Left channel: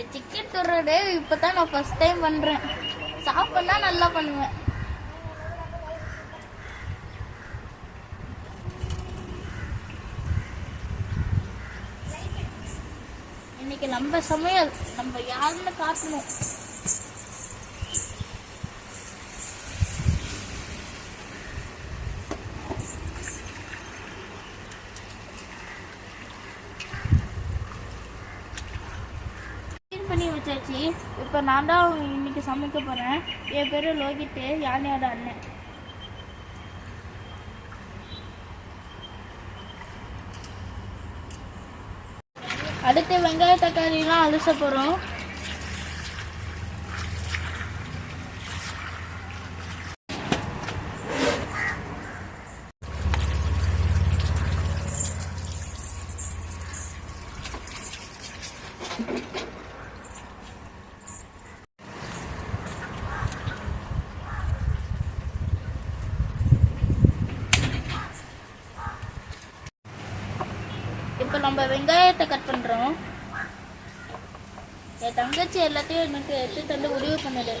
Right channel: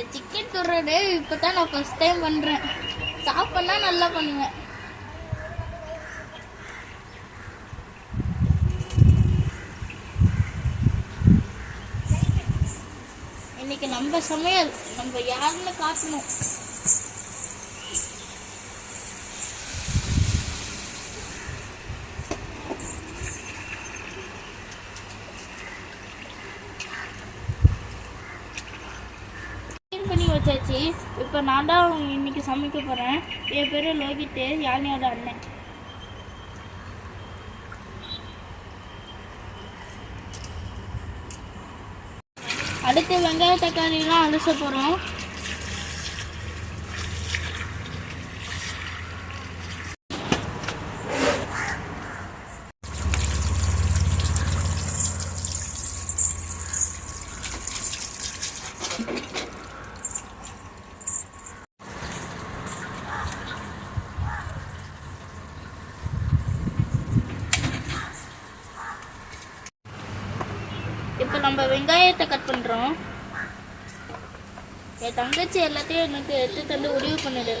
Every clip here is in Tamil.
இந்த சிக்கன் துறடு இப்பதான் நான் ஃபர்ஸ்ட் டைம் பண்றேன். சாப்பிட்டா நல்லா பண்ணுவேன். இன்னைக்கு நம்ம சமையல் நம்ம யாருன்னு காட்டணும். பண்ணி வச்சாச்சு. இப்போ நான் தான் இன்னைக்கு சமைக்க போகிறேன். என் பேர் லோகித்து, யானையோட அண்ணன். அடுத்து வெங்காய தக்காளிலாம் அலச போகிறோம். இப்போ நம்ம வெங்காயத்தை கட் பண்ணுறோம். என் தங்கச்சி எல்லாத்தையும் எனக்கு எடுத்து தந்து உதவி பண்ணுது.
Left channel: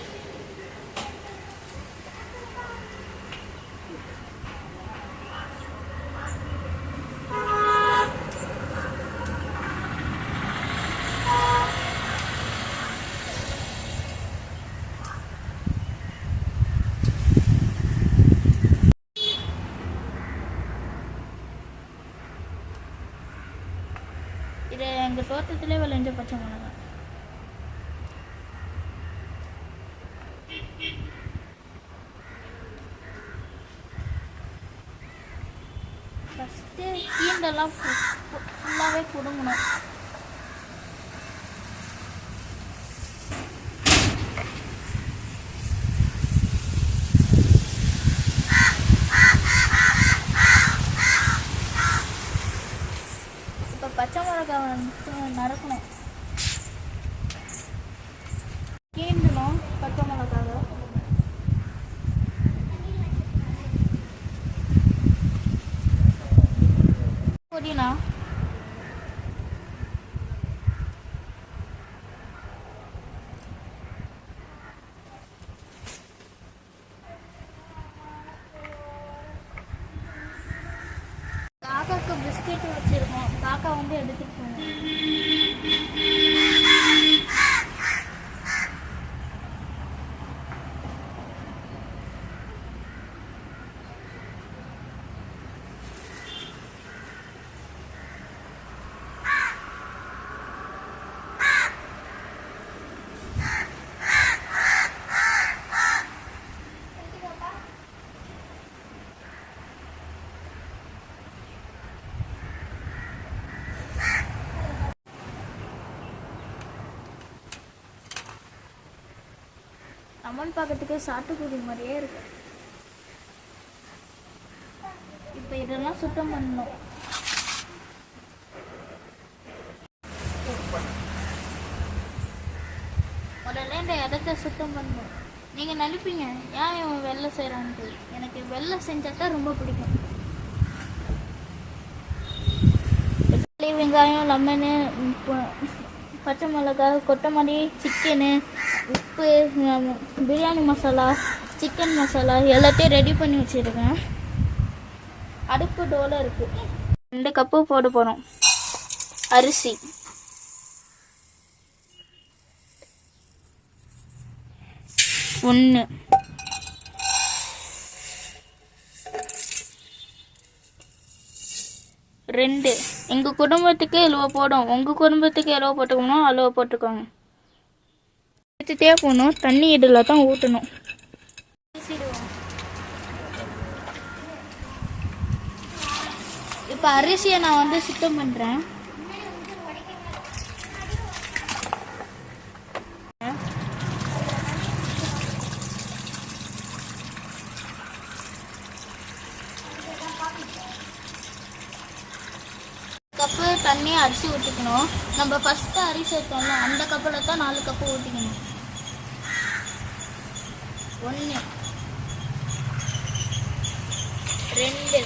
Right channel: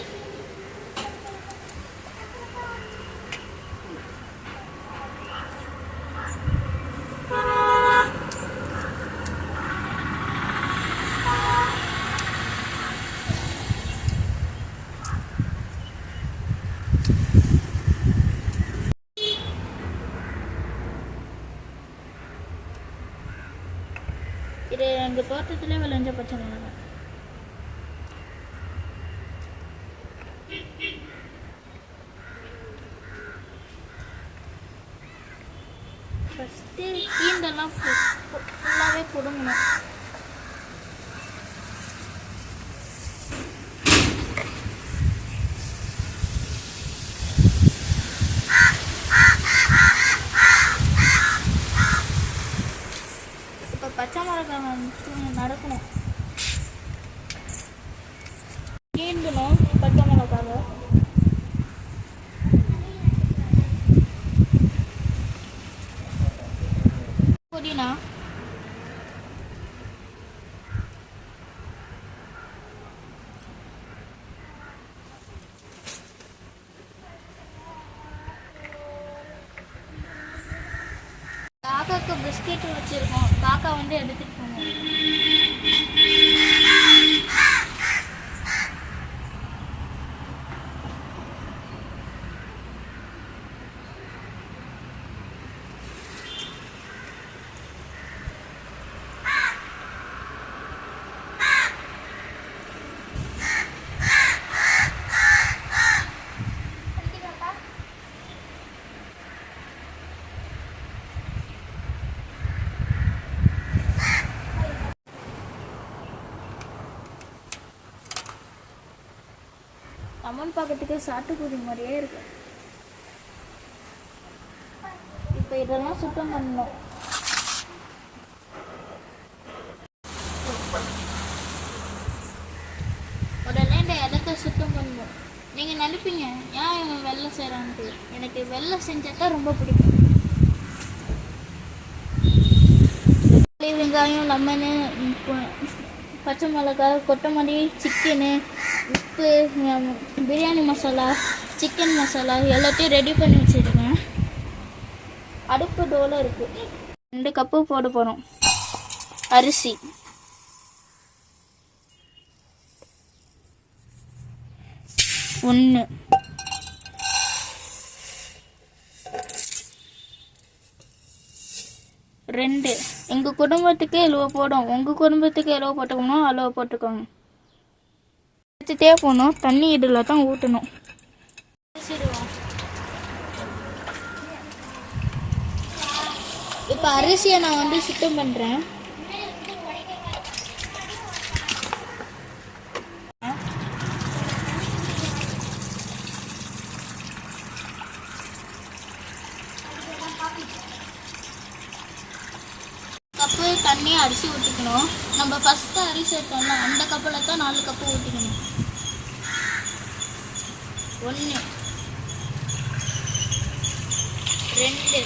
இது எங்கள் தோட்டத்திலே விளைஞ்ச பச்சை மிளகாய். ஃபஸ்ட்டு கீண்டெல்லாம் ஃபுல்லாகவே கொடுங்கணும். பச்சை மிளகாய் வந்து நடக்கணும், கீண்டணும் பச்சை மிளகாய். புதினா, காக்காக்கு பிஸ்கெட் வச்சிருக்கோம். காக்கா வந்து எடுத்துட்டு போங்க. அம்மன் பார்க்கறதுக்கு சாட்டுக்குடி மாதிரியே இருக்கு. இப்போ இதெல்லாம் சுத்தம் பண்ணணும். உடனே இந்த இடத்த சுத்தம் பண்ணணும். நீங்கள் நினைப்பீங்க ஏன் இவன் வெள்ளை செய்கிறான்ட்டு. எனக்கு வெள்ளை செஞ்சாதான் ரொம்ப பிடிக்கும். வெங்காயம், லெமனு, பச்சை மிளகாய், கொத்தமல்லி, சிக்கனு, உப்பு, பிரியாணி மசாலா, சிக்கன் மசாலா எல்லாத்தையும் ரெடி பண்ணி வச்சுருக்கேன். அடுப்பு டோல இருக்கு. 2 கப்பு போட போகிறோம் அரிசி. ஒன்று, 2. எங்கள் குடும்பத்துக்கு எவ்வளோ போடும், உங்கள் குடும்பத்துக்கு எவ்வளோ போட்டுக்கணும் அவ்வளோ போட்டுக்கோங்க. வச்சுட்டே போகணும். தண்ணி இதில் தான் ஊற்றணும். இப்போ அரிசியை நான் வந்து சுத்தம் பண்ணுறேன். கப்பு தண்ணி அரிசி ஊற்றிக்கணும். நம்ம ஃபஸ்ட்டு அரிசி எடுத்தோம்னா அந்த கப்பில் தான் 4 கப்பு ஊற்றிக்கணும். 1, 2, 3,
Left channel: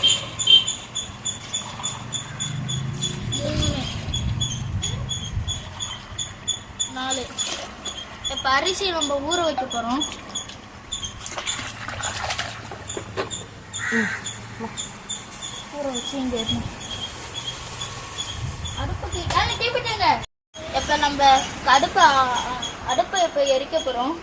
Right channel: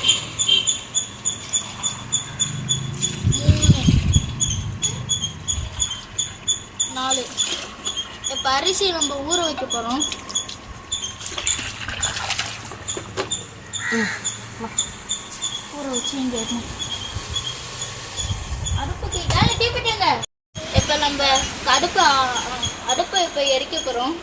4. பால். இப்போ அரிசி நம்ம ஊற வைக்க போகிறோம். ஊற வச்சு இங்கே அடுப்புக்கு வேலை கேட்பிட்டாங்க. இப்போ நம்ம அடுப்பை இப்போ எரிக்க போகிறோம்.